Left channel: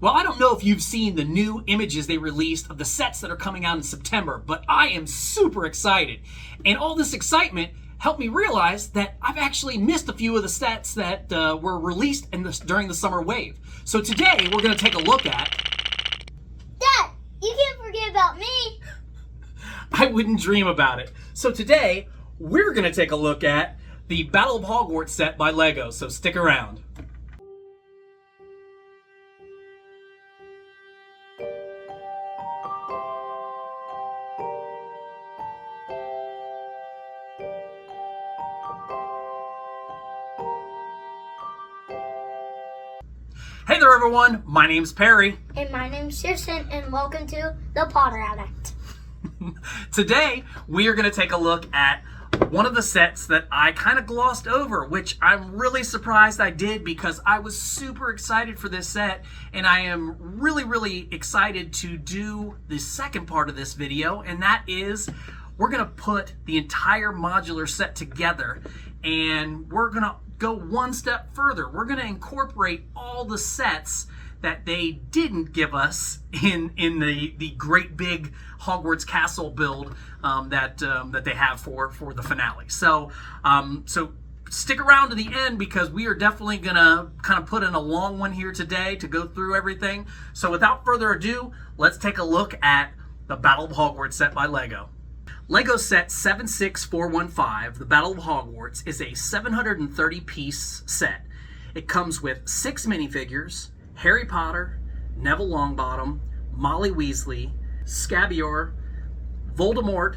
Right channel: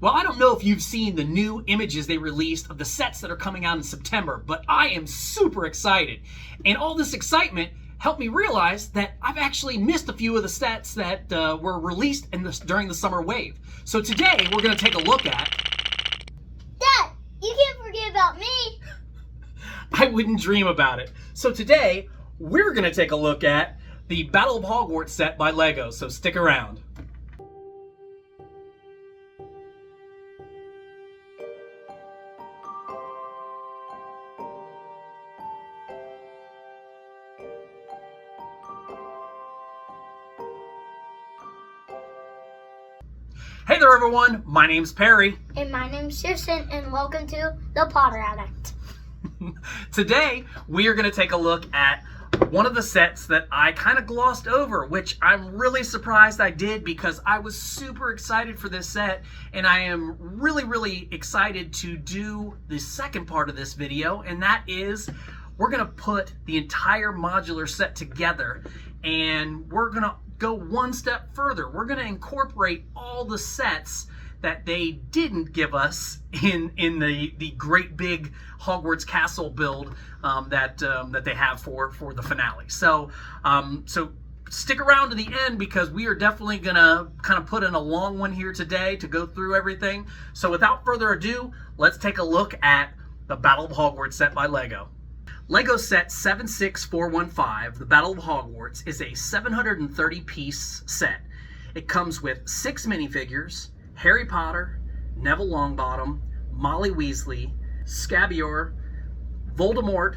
Well, I don't know if you've seen the new images they released of the sets that are coming out in September, but I am super excited. And all this excitement helped me realize that I've actually missed a few of the sets that were released during the summer wave. So today we're going to take a look at... Dad, you can't forget about me. I wouldn't dream about it. So today we're going to take a look at the Battle of Hogwarts set by LEGO, so stick around. Hey there everyone, my name's Perry. And my name's Kirsten, and welcome to the Potter Addict. Today, we are going to take a look at one of the sets that I kind of glossed over, which I'm really surprised I did because I was super excited for this set, and I am really excited to do the second part of this video, and that is we're going to put the entire modular set together, and we're going to go one step further. We're going to incorporate all the sets that they didn't give us in the great big Hogwarts castle build that they have for the finale. So stick around to the end because we are definitely gonna kind of put in a long one here today to go through everything. So without further ado, let's take a look at the Battle of Hogwarts set by LEGO. LEGO set 76415, the Battle of Hogwarts, is a 730-piece set. It comes with 6 minifigures: Harry Potter, Neville Longbottom, Molly Weasley, Scabior, Voldemort,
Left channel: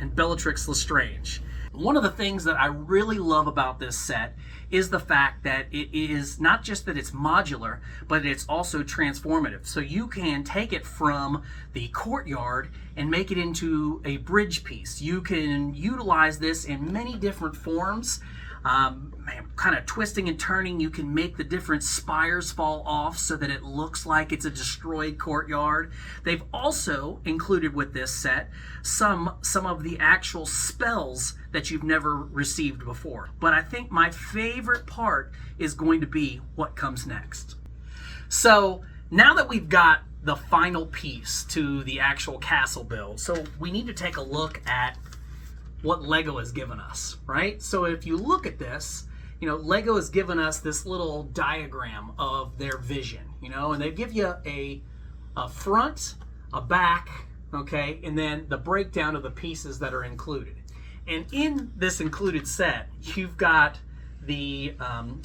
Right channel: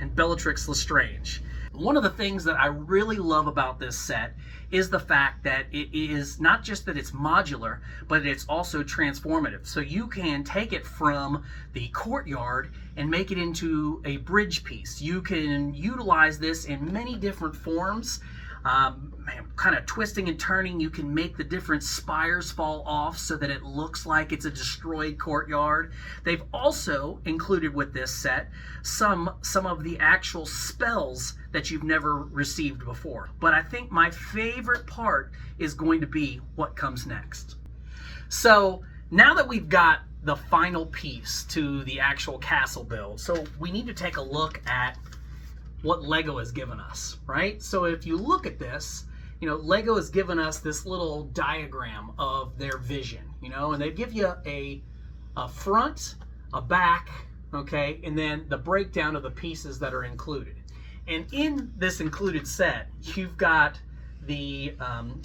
and Bellatrix Lestrange. One of the things that I really love about this set is the fact that it is not just that it's modular, but it's also transformative. So you can take it from the courtyard and make it into a bridge piece. You can utilize this in many different forms. Kind of twisting and turning, you can make the different spires fall off so that it looks like it's a destroyed courtyard. They've also included with this set some of the actual spells that you've never received before. But I think my favorite part is going to be what comes next. So now that we've got the final piece to the actual castle build, so we need to take a look at what LEGO has given us, right? So if you look at this, you know, LEGO has given us this little diagram of their vision, you know, and they give you a front, a back, okay, and then the breakdown of the pieces that are included. And in this included set, you've got the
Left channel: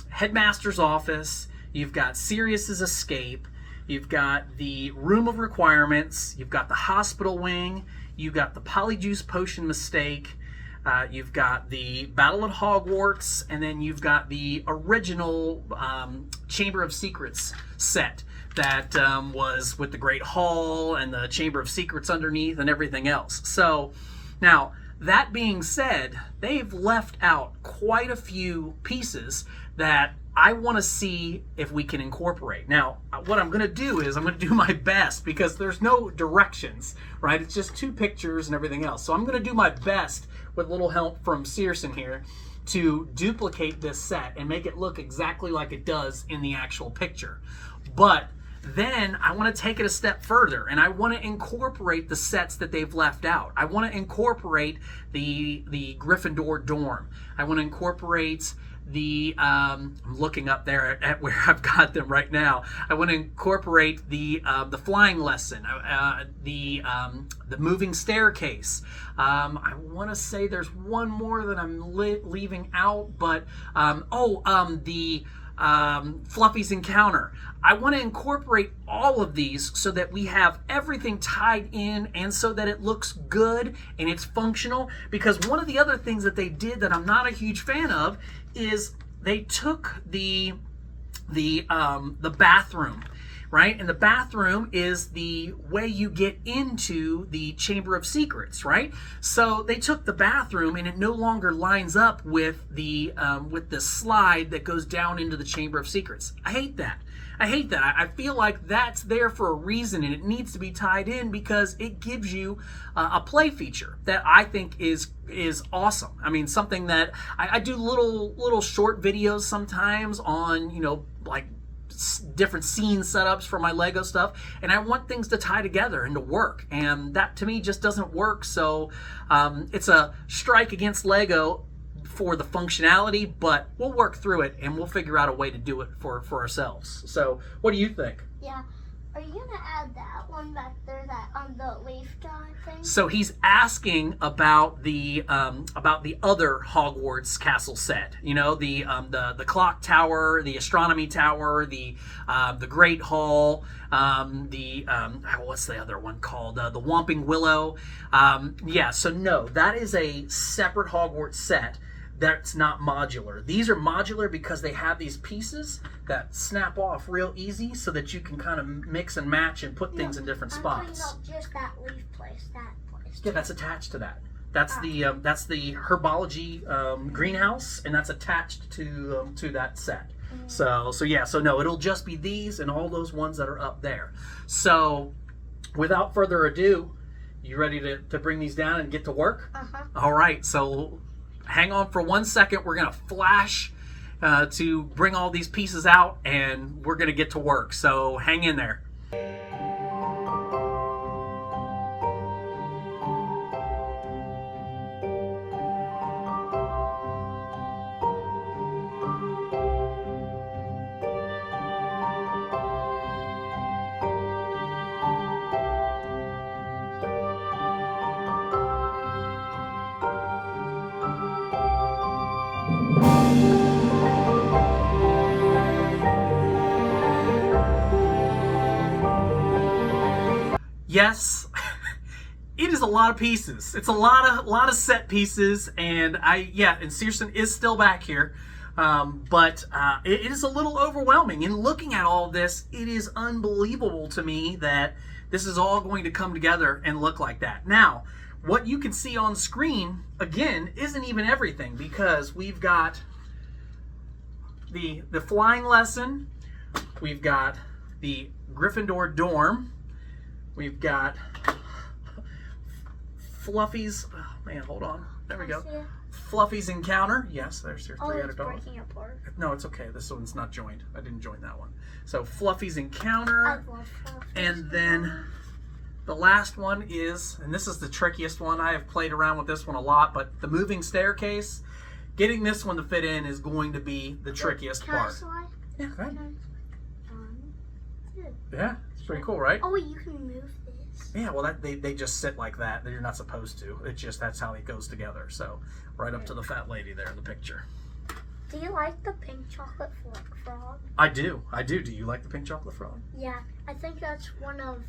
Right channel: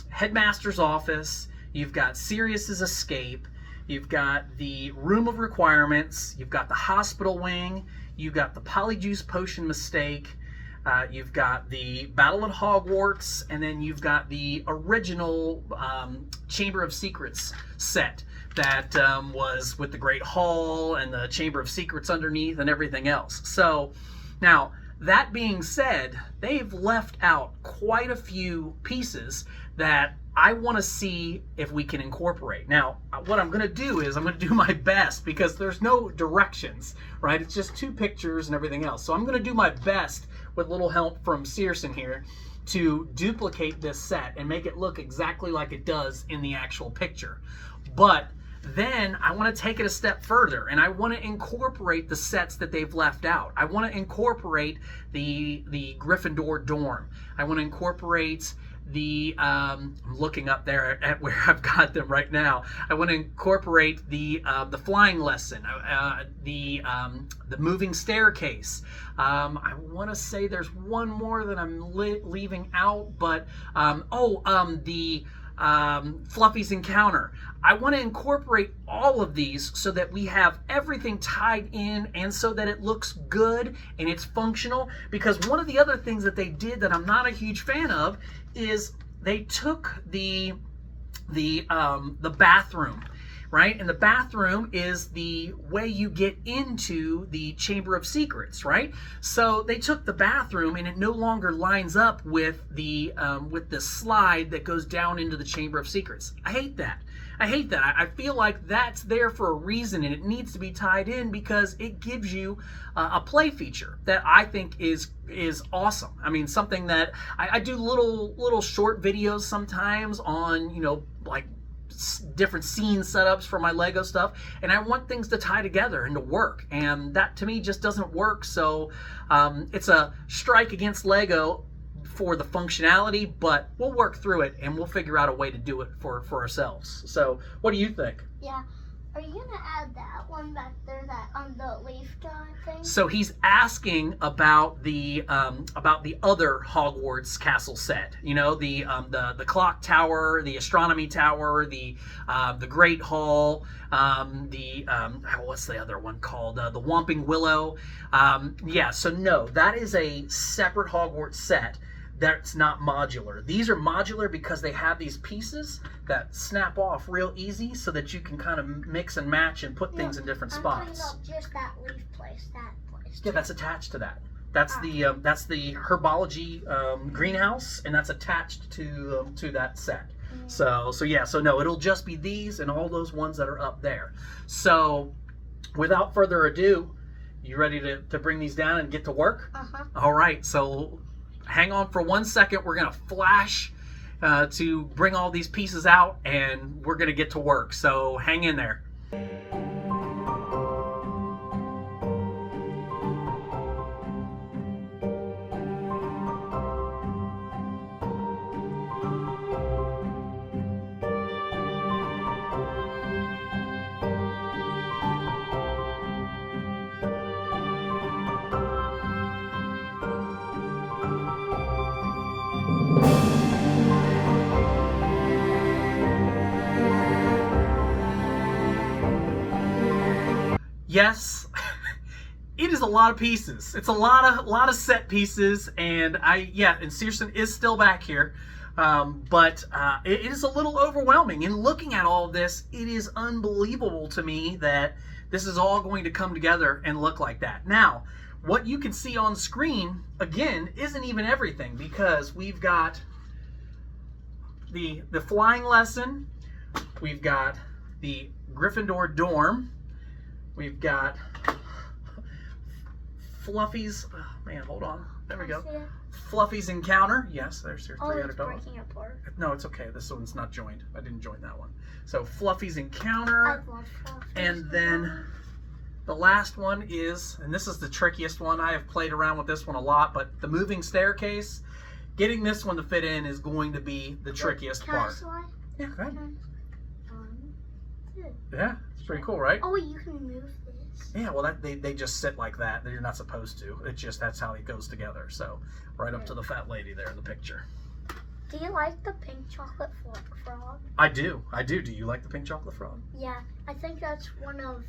headmaster's office, you've got Sirius's escape, you've got the room of requirements, you've got the hospital wing, you've got the polyjuice potion mistake, you've got the Battle of Hogwarts, and then you've got the original Chamber of Secrets set that was with the Great Hall and the Chamber of Secrets underneath and everything else. So now, that being said, they've left out quite a few pieces that I want to see if we can incorporate. Now, what I'm going to do is I'm going to do my best because there's no directions, right? It's just 2 pictures and everything else. So I'm going to do my best with little help from Searson here to duplicate this set and make it look exactly like it does in the actual picture. But then I want to take it a step further and I want to incorporate the sets that they've left out. I want to incorporate the Gryffindor dorm. I want to incorporate the I'm looking up there at where I've got them right now. I want to incorporate the flying lesson, the moving staircase. I want to say there's one more that I'm leaving out, but the Fluffy's encounter. I want to incorporate all of these so that we have everything tied in and so that it looks good and it's functional. Because one of the other things that they did that I'm not a huge fan of is they took the bathroom, right? And the bathroom is the way you get into the Chamber of Secrets, right? So they took the bathroom and it no longer lines up with the slide that goes down into the Chamber of Secrets. I hate that. I feel like that's there for a reason and it needs to be tied in because it gives you a play feature that I think is awesome. I mean, something that I do little short videos sometimes on, you know, like different scene setups for my Lego stuff, and I want things to tie together and to work, and that to me just doesn't work. So it's a strike against Lego for the functionality, but we'll work through it and we'll figure out a way to do it for ourselves. So what do you think? Yeah. Are you gonna add that one back there, that on the leaf drawing thing? So he's asking about the other Hogwarts castle set. You know, the clock tower, the astronomy tower, the Great Hall, what's the other one called? The Whomping Willow. Yeah. So no, that is a separate Hogwarts set. That's not modular. These are modular because they have these pieces that snap off real easy so that you can kind of mix and match and put things in different spots. I'm talking about just that leaf place, that place. Yeah, that's attached to that. That's the herbology greenhouse, and that's attached to that set. So no, it'll just be these and all those ones that are up there. So without further ado, you ready to bring these down and get to work? All right, so hang on for 1 second. We're gonna flash to bring all these pieces out, and we're gonna get to work. So hang in there. Yes, it is a lot of pieces. It's a lot of set pieces, and and Searson is still back here, but it is a little overwhelming. And looking at all of this, it is unbelievable to me that this is all going to come together and look like that. Now, what you can see on screen, again, isn't even everything, because we've got the flying lesson, we've got the Gryffindor dorm, we've got Fluffy's, oh man, hold on, there we go. Fluffy's encounter, yes, there's your three-headed dog. Breaking apart. No, it's okay, this one's not joined. I didn't join that one. So Fluffy's encounter, I love Fluffy's and then the last one is, and this is the trickiest one, I have played around with this one a lot, but the moving staircase, getting this one to fit in is going to be the trickiest part. Can I slide? Yeah, go ahead. Good. Yeah, it's pretty cool, right? Oh, you can move this. Yeah, well, they just sit like that. You're not supposed to. It's just that's how it goes together. So, right up to the fat lady there in the picture. Do you like the pink chocolate frog? I do. Do you like the pink chocolate frog? Yeah, I think that's one of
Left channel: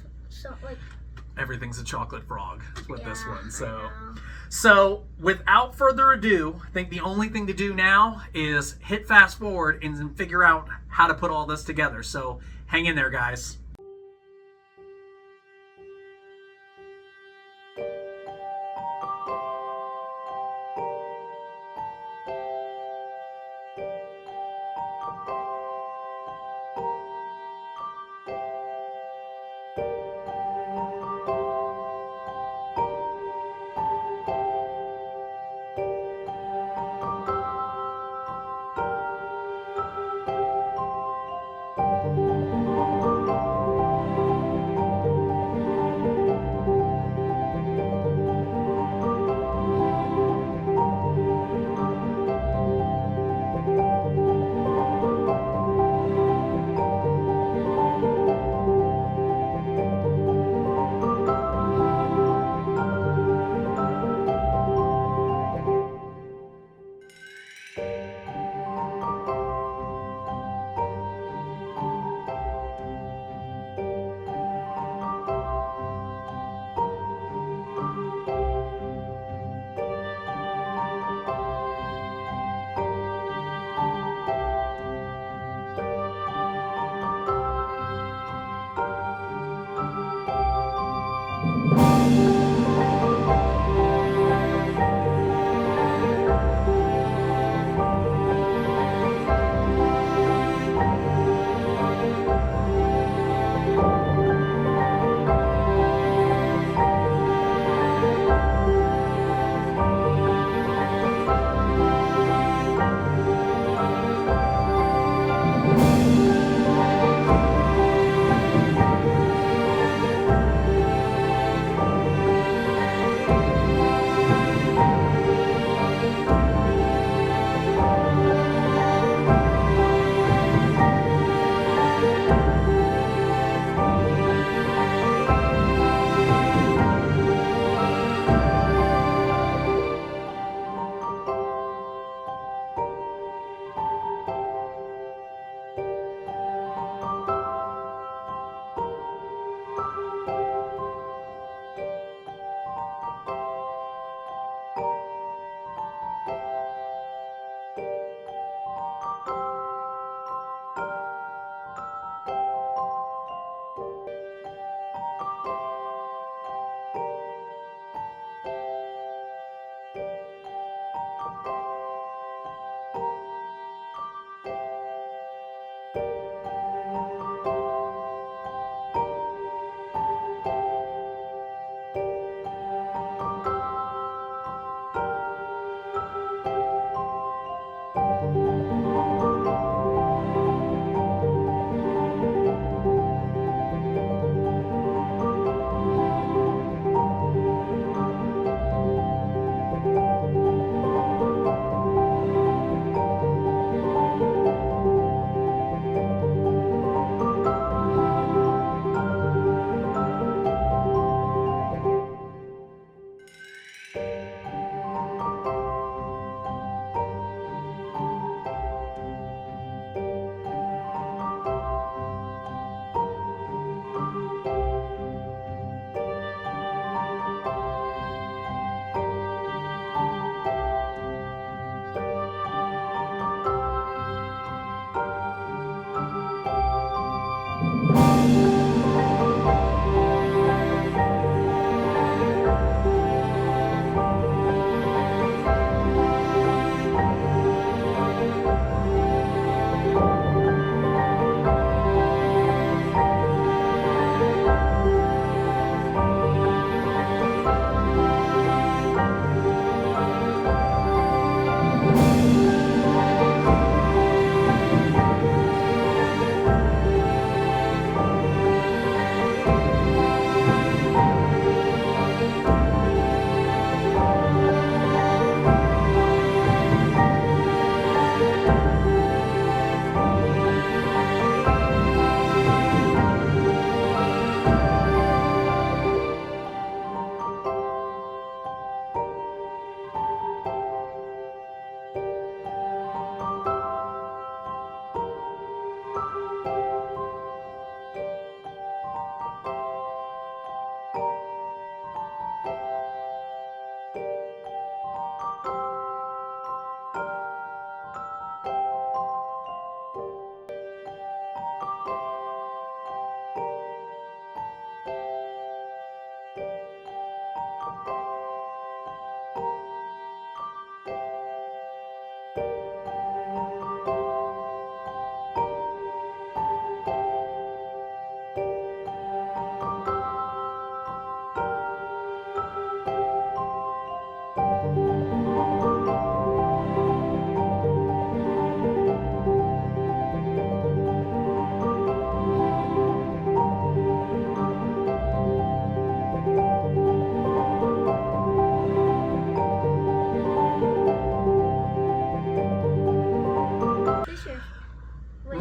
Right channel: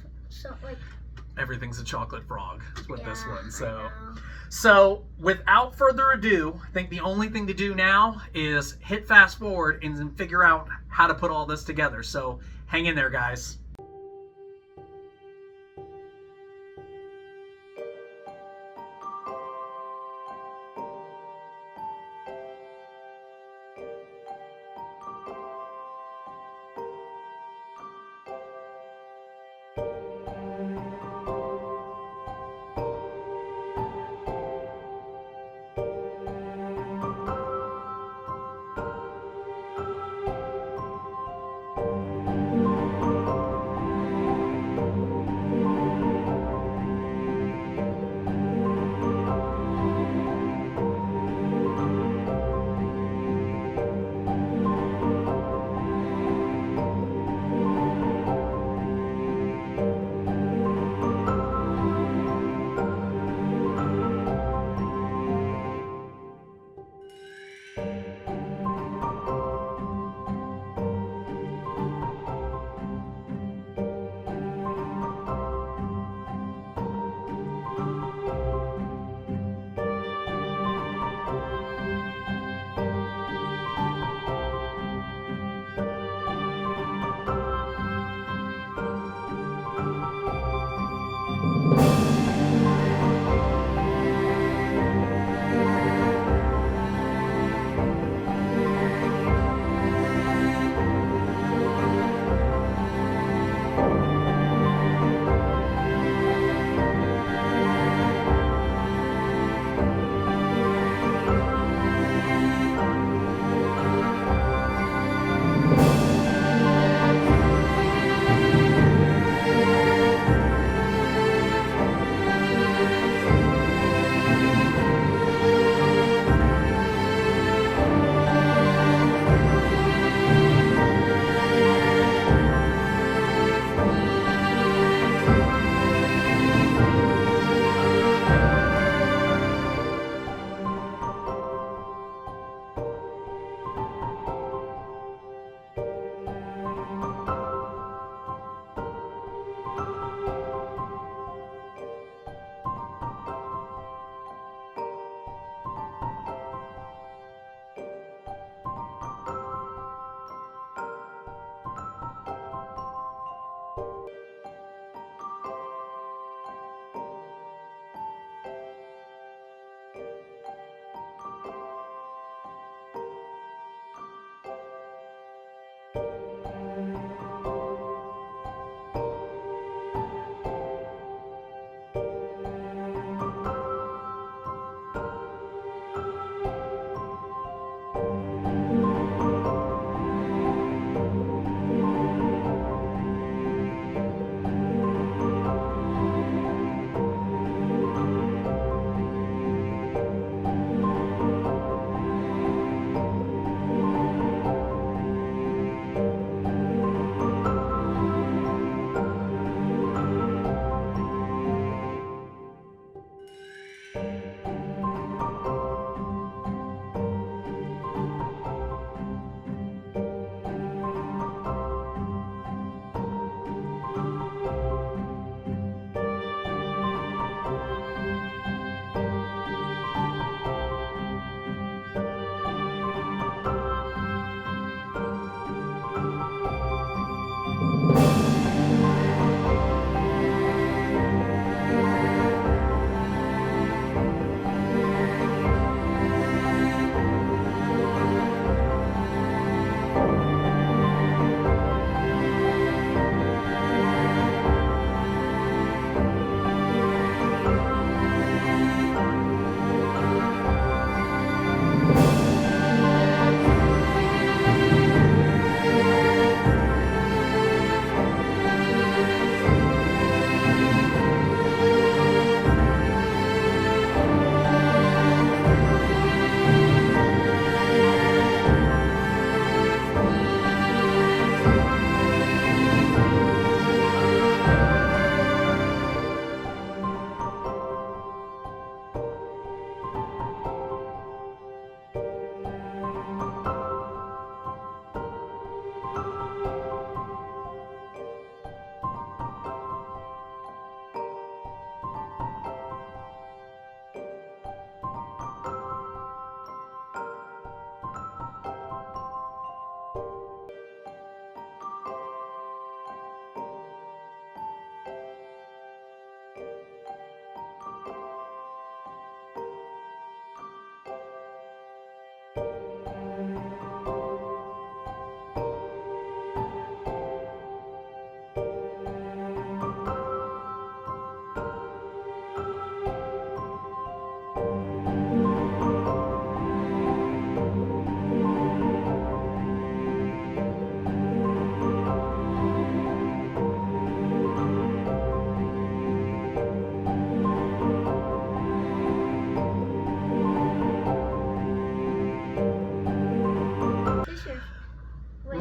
everything's a chocolate frog with this one. I So without further ado, I think the only thing to do now is hit fast forward and then figure out how to put all this together. So hang in there, guys.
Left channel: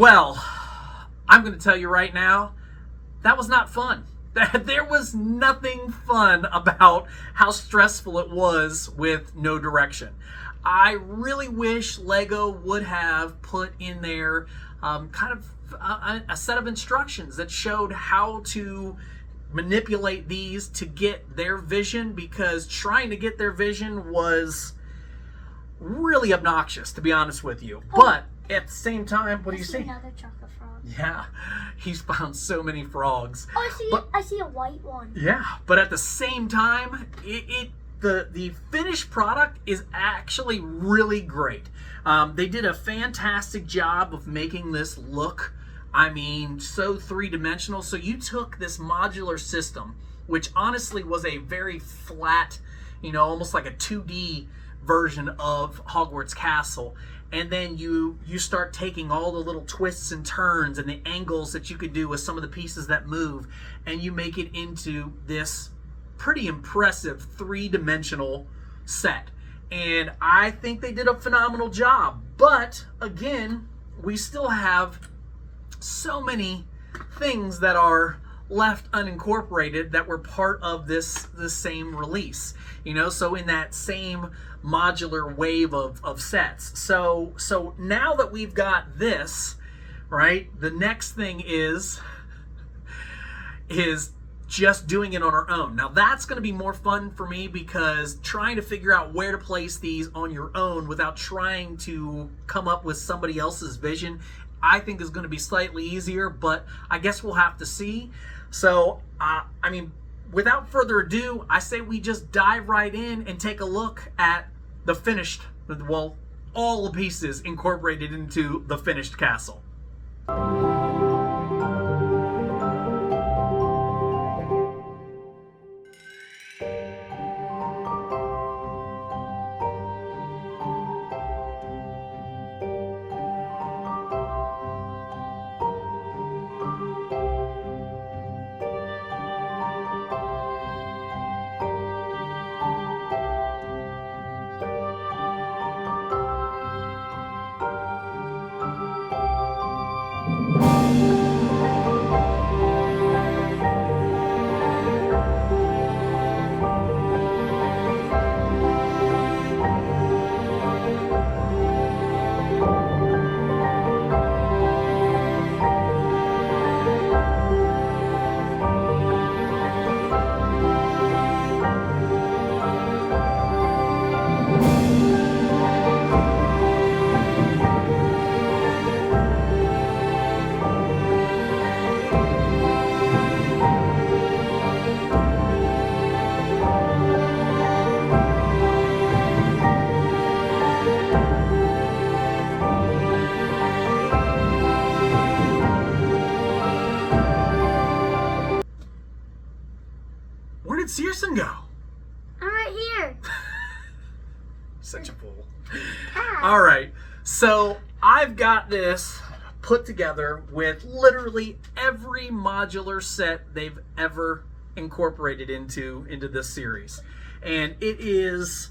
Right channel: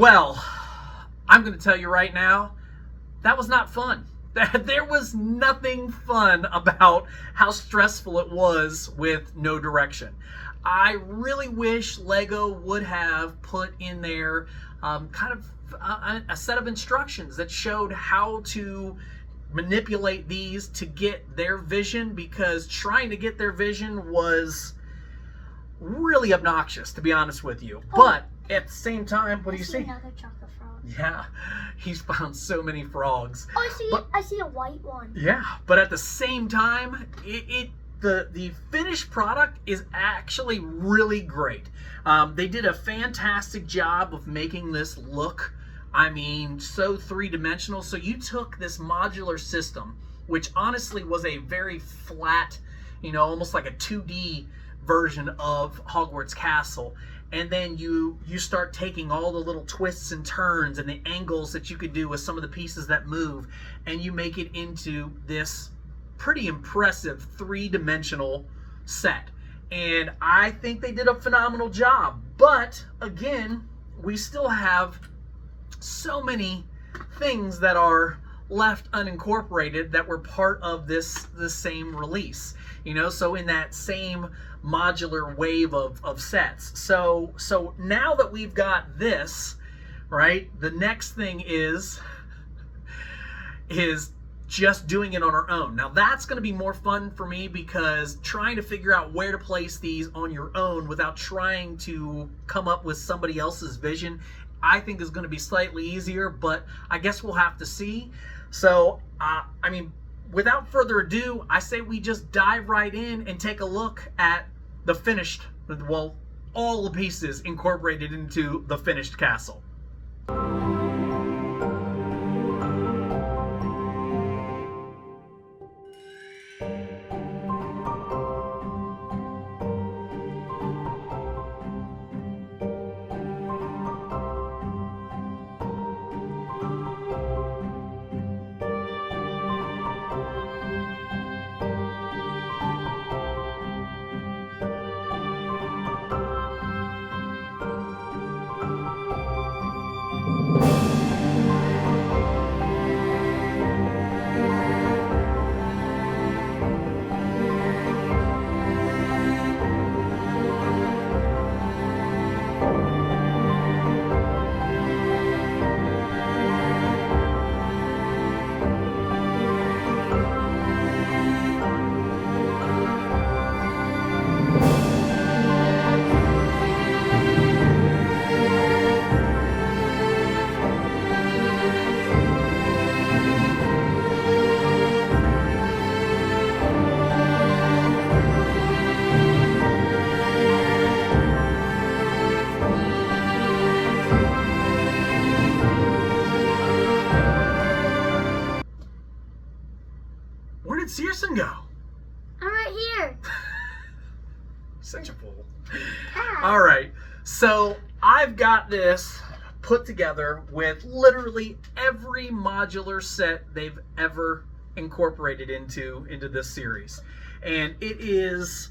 Well, I'm going to tell you right now, that was not fun. There was nothing fun about how stressful it was with no direction. I really wish Lego would have put in there kind of a set of instructions that showed how to manipulate these to get their vision, because trying to get their vision was really obnoxious, to be honest with you. But at the same time, what do you see? Another chocolate frog. Yeah, he's found so many frogs. Oh, I see a white one. Yeah, but at the same time, the finished product is actually really great. They did a fantastic job of making this look, I mean, so three-dimensional. So you took this modular system, which honestly was a very flat, almost like a 2D version of Hogwarts Castle, and then you start taking all the little twists and turns and the angles that you could do with some of the pieces that move, and you make it into this pretty impressive three-dimensional set. And I think they did a phenomenal job. But again, we still have so many things that are left unincorporated that were part of this same release. So in that same modular wave of sets. So now that we've got this, right, the next thing is just doing it on our own. Now that's going to be more fun for me, because trying to figure out where to place these on your own without trying to come up with somebody else's vision, I think is going to be slightly easier, but I guess we'll have to see. So, without further ado, I say we just dive right in and take a look at the finished, well, all the pieces incorporated into the finished castle. Where did Searson go? I'm right here. Such a fool. Ah. All right, so I've got this put together with literally every modular set they've ever incorporated into this series, and it's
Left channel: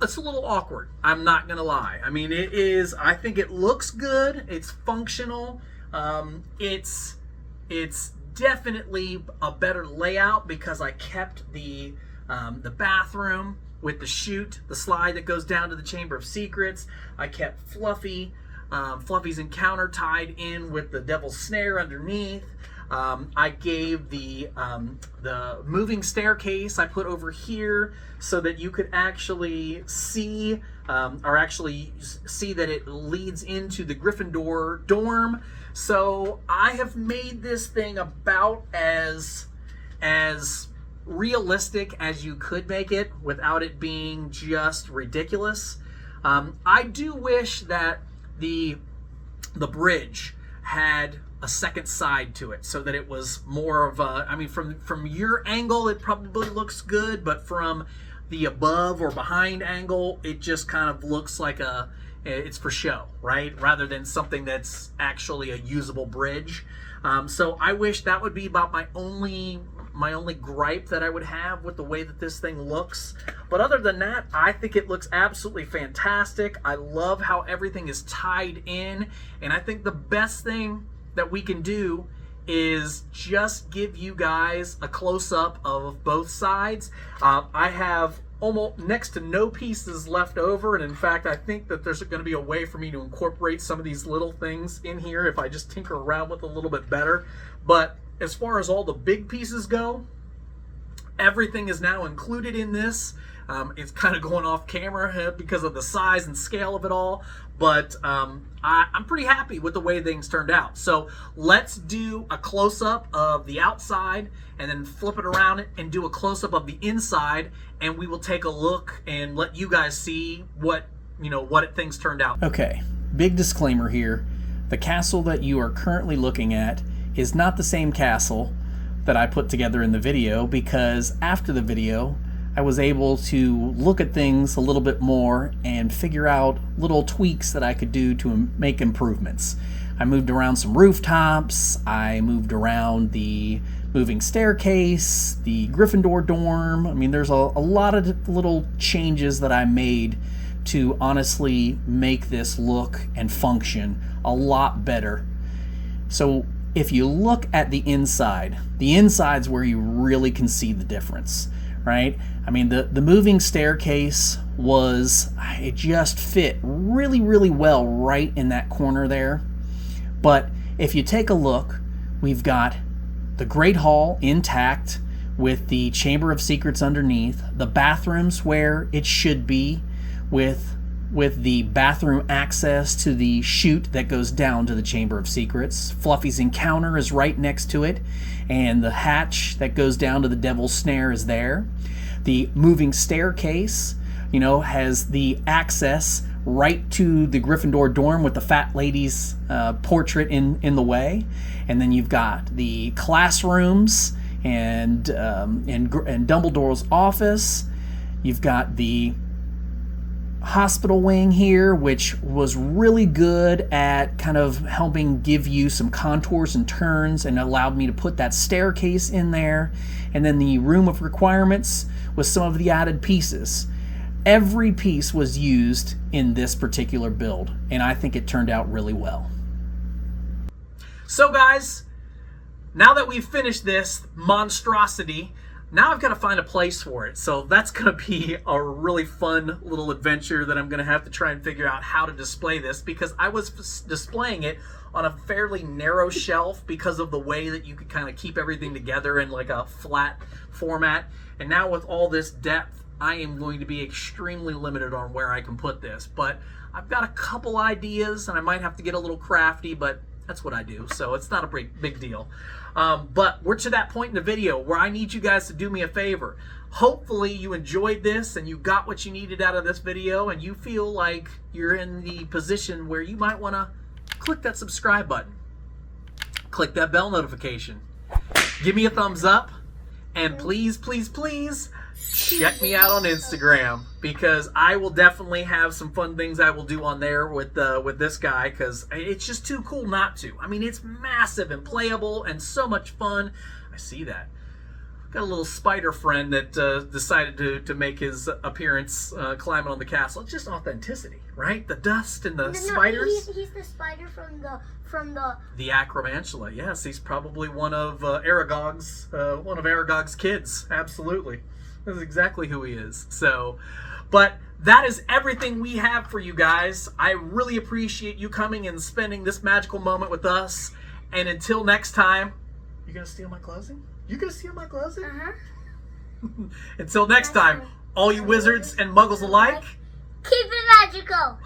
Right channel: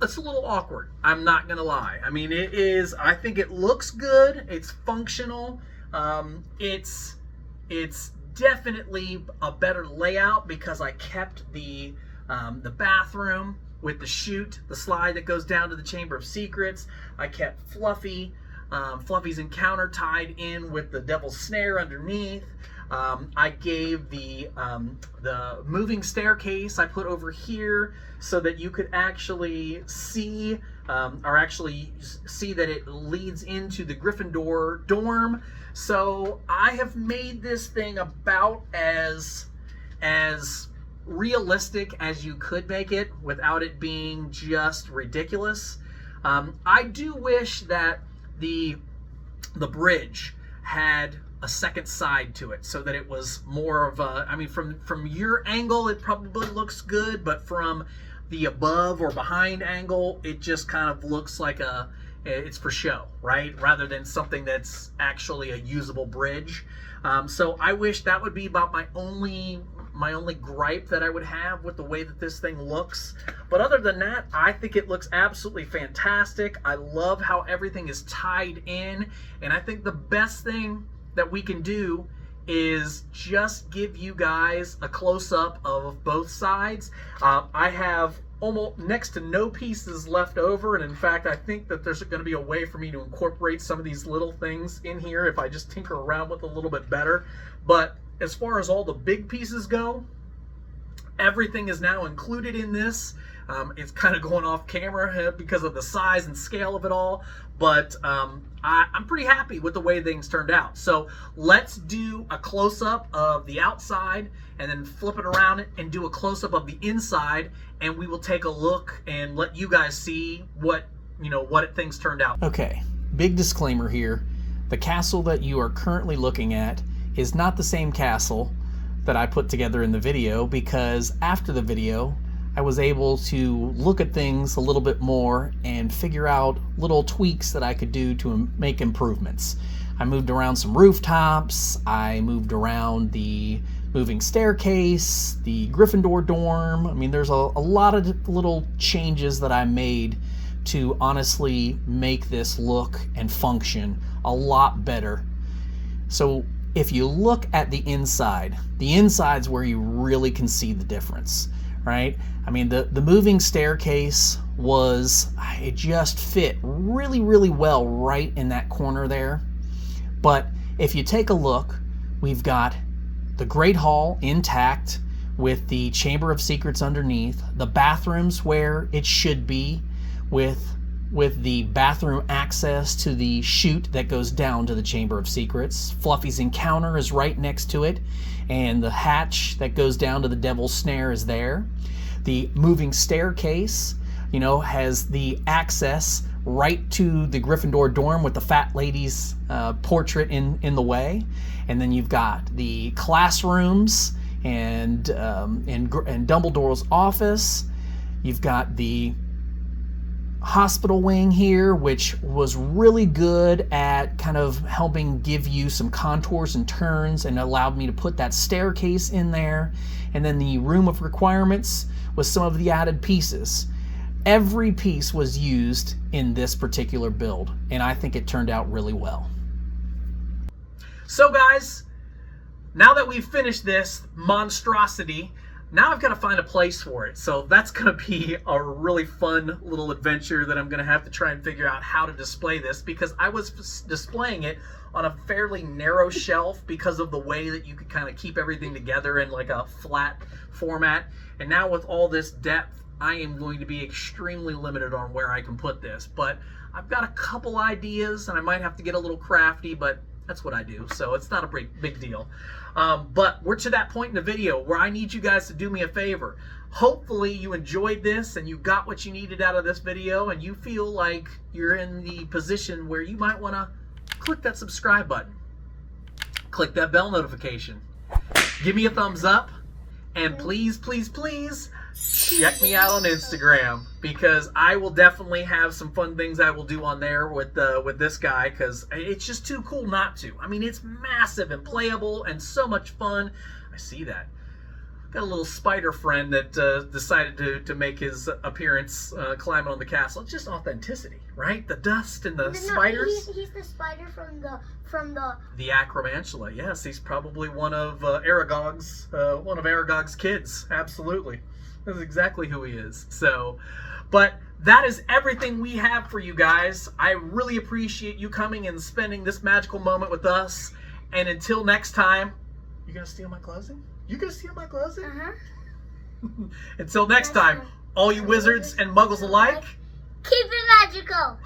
a little awkward, I'm not gonna lie. I mean, it is. I think it looks good, it's functional, it's definitely a better layout because I kept the bathroom with the chute, the slide that goes down to the Chamber of Secrets. I kept Fluffy's encounter tied in with the Devil's Snare underneath. I gave the moving staircase I put over here so that you could actually see that it leads into the Gryffindor dorm. So I have made this thing about as realistic as you could make it without it being just ridiculous. I do wish that the bridge had a second side to it so that it was more of a, I mean, from your angle it probably looks good, but from the above or behind angle it just kind of looks like it's for show, right? Rather than something that's actually a usable bridge. So I wish that would be about my only my only gripe that I would have with the way that this thing looks. But other than that, I think it looks absolutely fantastic. I love how everything is tied in, and I think the best thing that we can do is just give you guys a close-up of both sides. I have almost next to no pieces left over, and in fact I think that there's going to be a way for me to incorporate some of these little things in here if I just tinker around with it a little bit better. But as far as all the big pieces go, everything is now included in this. It's kind of going off camera because of the size and scale of it all, but I'm pretty happy with the way things turned out. So let's do a close-up of the outside and then flip it around and do a close-up of the inside, and we will take a look and let you guys see what things turned out. Okay, big disclaimer here. The castle that you are currently looking at is not the same castle that I put together in the video, because after the video I was able to look at things a little bit more and figure out little tweaks that I could do to make improvements. I moved around some rooftops, I moved around the moving staircase, the Gryffindor dorm. I mean, there's a lot of little changes that I made to honestly make this look and function a lot better. So if you look at the inside's where you really can see the difference, right? I mean, the moving staircase it just fit really, really well right in that corner there. But if you take a look, we've got the Great Hall intact with the Chamber of Secrets underneath, the bathrooms where it should be with the bathroom access to the chute that goes down to the Chamber of Secrets. Fluffy's encounter is right next to it, and the hatch that goes down to the Devil's Snare is there. The moving staircase, has the access right to the Gryffindor dorm with the fat lady's portrait in the way. And then you've got the classrooms and Dumbledore's office. You've got the hospital wing here, which was really good at kind of helping give you some contours and turns and allowed me to put that staircase in there. And then the room of requirements with some of the added pieces. Every piece was used in this particular build, and I think it turned out really well. So guys, now that we've finished this monstrosity, now I've got to find a place for it. So that's going to be a really fun little adventure that I'm going to have to try and figure out how to display this, because I was displaying it on a fairly narrow shelf because of the way that you could kind of keep everything together in like a flat format. And now with all this depth, I am going to be extremely limited on where I can put this. But I've got a couple ideas, and I might have to get a little crafty, but that's what I do, so it's not a big deal. But we're to that point in the video where I need you guys to do me a favor. Hopefully you enjoyed this and you got what you needed out of this video, and you feel like you're in the position where you might want to click that subscribe button. Click that bell notification. Give me a thumbs up. And please, please, please check me out on Instagram, because I will definitely have some fun things I will do on there with this guy, because it's just too cool not to. I mean, it's massive and playable and so much fun. I see that. Got a little spider friend that decided to make his appearance climbing on the castle. It's just authenticity, right? The dust and the spiders. He's the spider from the Acromantula. Yes, he's probably one of Aragog's kids. Absolutely, that's exactly who he is. So, but that is everything we have for you guys. I really appreciate you coming and spending this magical moment with us. And until next time, you gonna steal my closing? You gonna steal my closing? Until next time, all you wizards and muggles alike, keep it magical.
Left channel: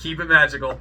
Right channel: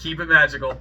Keep it magical.